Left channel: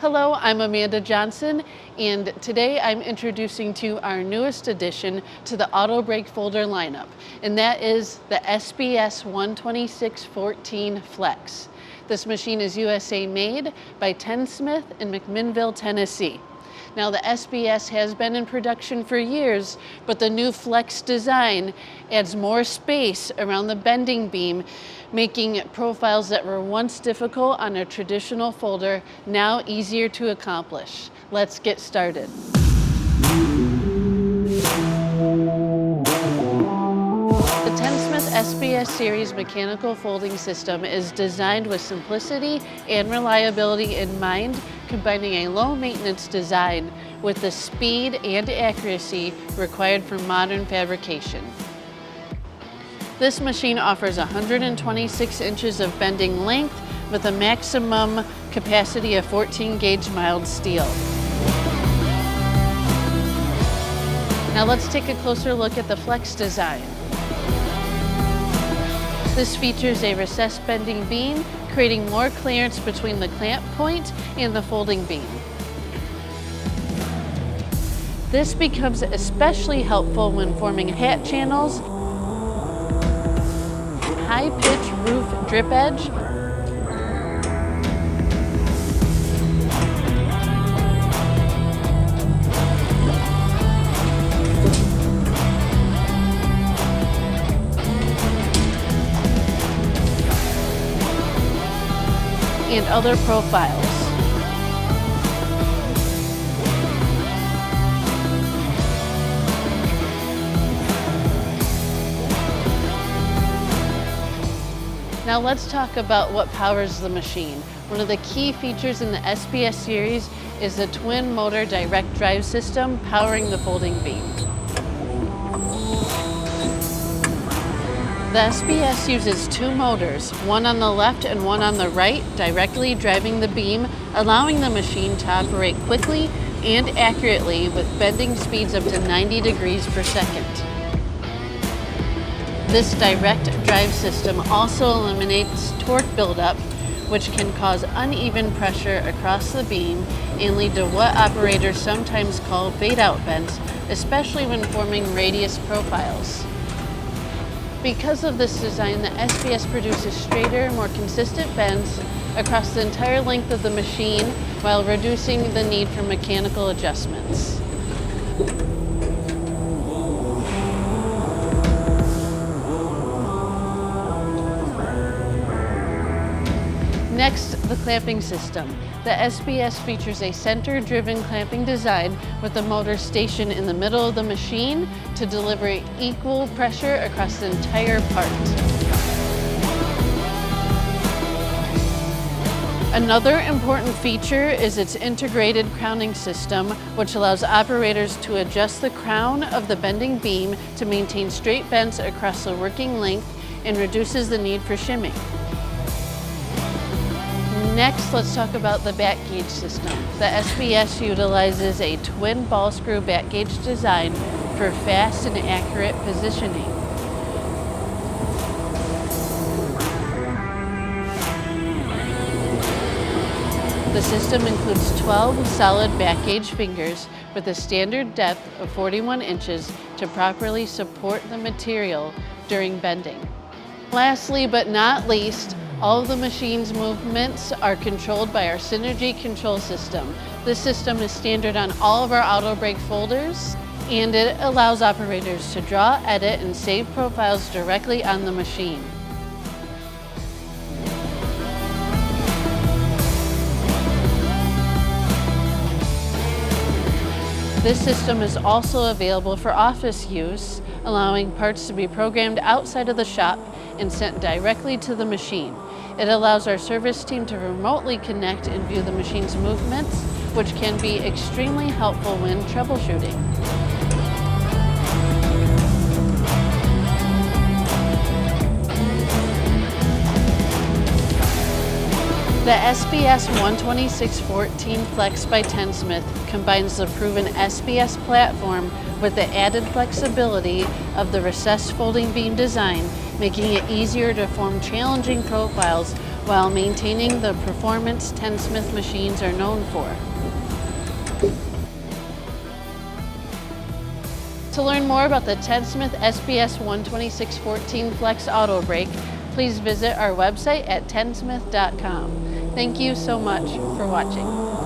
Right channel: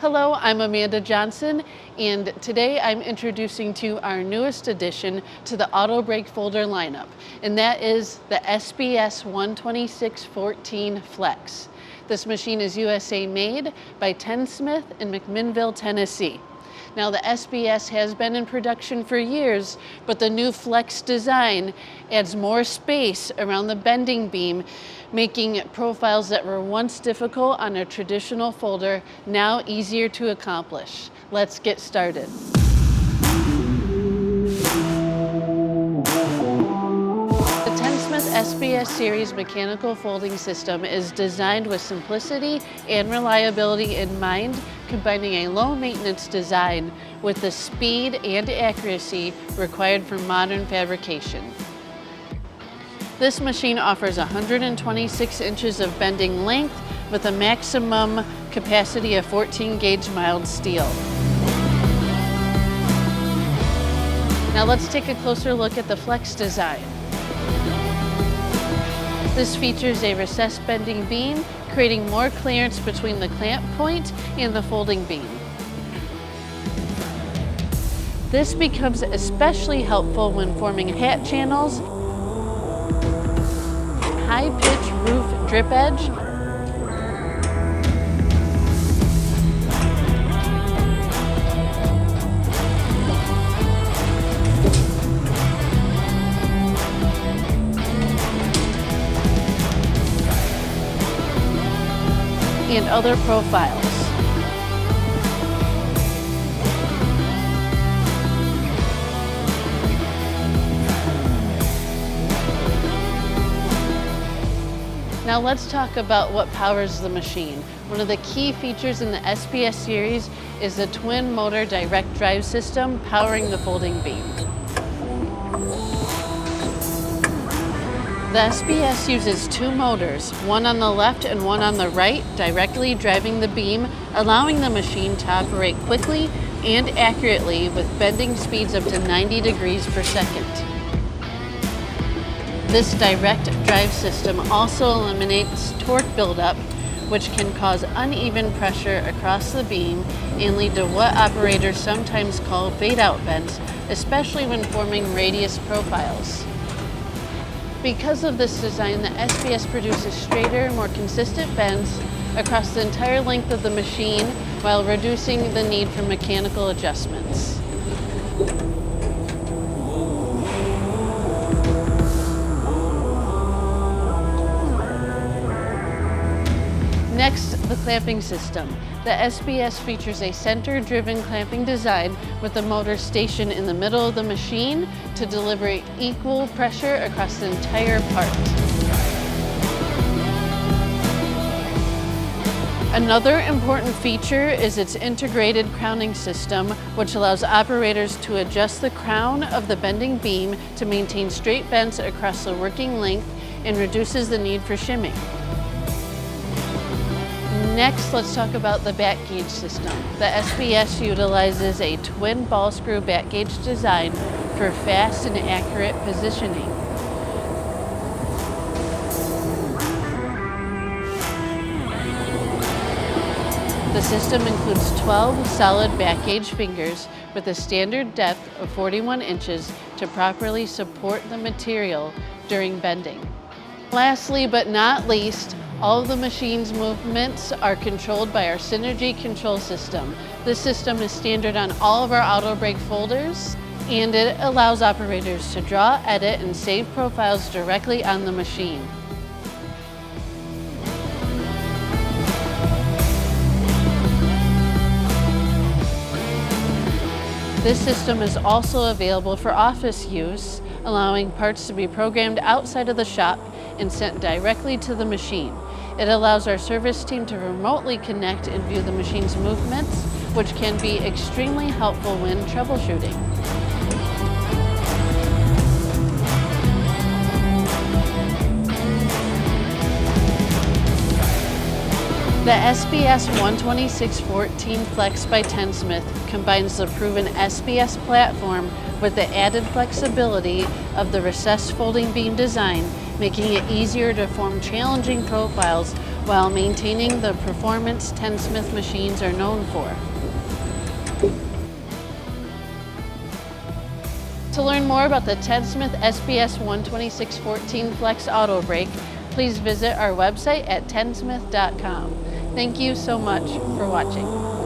Hello, I'm Amanda Johnson, and today I'm introducing to you our newest addition to the Autobrake folder lineup, and that is the SBS126-14 FLEX. This machine is USA made by Tennsmith in McMinnville, Tennessee. Now the SBS has been in production for years, but the new FLEX design adds more space around the bending beam, making profiles that were once difficult on a traditional folder now easier to accomplish. Let's get started. The Tennsmith SBS series mechanical folding system is designed with simplicity and reliability in mind, combining a low-maintenance design with the speed and accuracy required for modern fabrication. This machine offers 126 inches of bending length with a maximum capacity of 14 gauge mild steel. Now let's take a closer look at the FLEX design. This features a recessed bending beam, creating more clearance between the clamp point and the folding beam. This becomes especially helpful when forming hat channels, high-pitch roof drip edge, and other profiles. Now let's talk about what powers the machine. One of the key features in the SBS series is the twin motor direct drive system powering the folding beam. The SBS uses two motors, one on the left and one on the right, directly driving the beam, allowing the machine to operate quickly and accurately with bending speeds up to 90 degrees per second. This direct drive system also eliminates torque buildup, which can cause uneven pressure across the beam and lead to what operators sometimes call fade-out bends, especially when forming radius profiles. Because of this design, the SBS produces straighter, more consistent bends across the entire length of the machine while reducing the need for mechanical adjustments. Next, the clamping system. The SBS features a center-driven clamping design with the motor stationed in the middle of the machine to deliver equal pressure across the entire part. Another important feature is its integrated crowning system, which allows operators to adjust the crown of the bending beam to maintain straight bends across the working length and reduces the need for shimming. Next, let's talk about the back gauge system. The SBS utilizes a twin ball screw back gauge design for fast and accurate positioning. The system includes 12 solid back gauge fingers with a standard depth of 41 inches to properly support the material during bending. Lastly, but not least, all of the machine's movements are controlled by our Synergy control system. This system is standard on all of our Autobrake folders, and it allows operators to draw, edit, and save profiles directly on the machine. This system is also available for office use, allowing parts to be programmed outside of the shop and sent directly to the machine. It allows our service team to remotely connect and view the machine's movements, which can be extremely helpful when troubleshooting. The SBS126-14 FLEX by Tennsmith combines the proven SBS platform with the added flexibility of the recessed folding beam design, making it easier to form challenging profiles while maintaining the performance Tennsmith machines are known for. To learn more about the Tennsmith SBS126-14 FLEX Autobrake, please visit our website at tennsmith.com. Thank you so much for watching.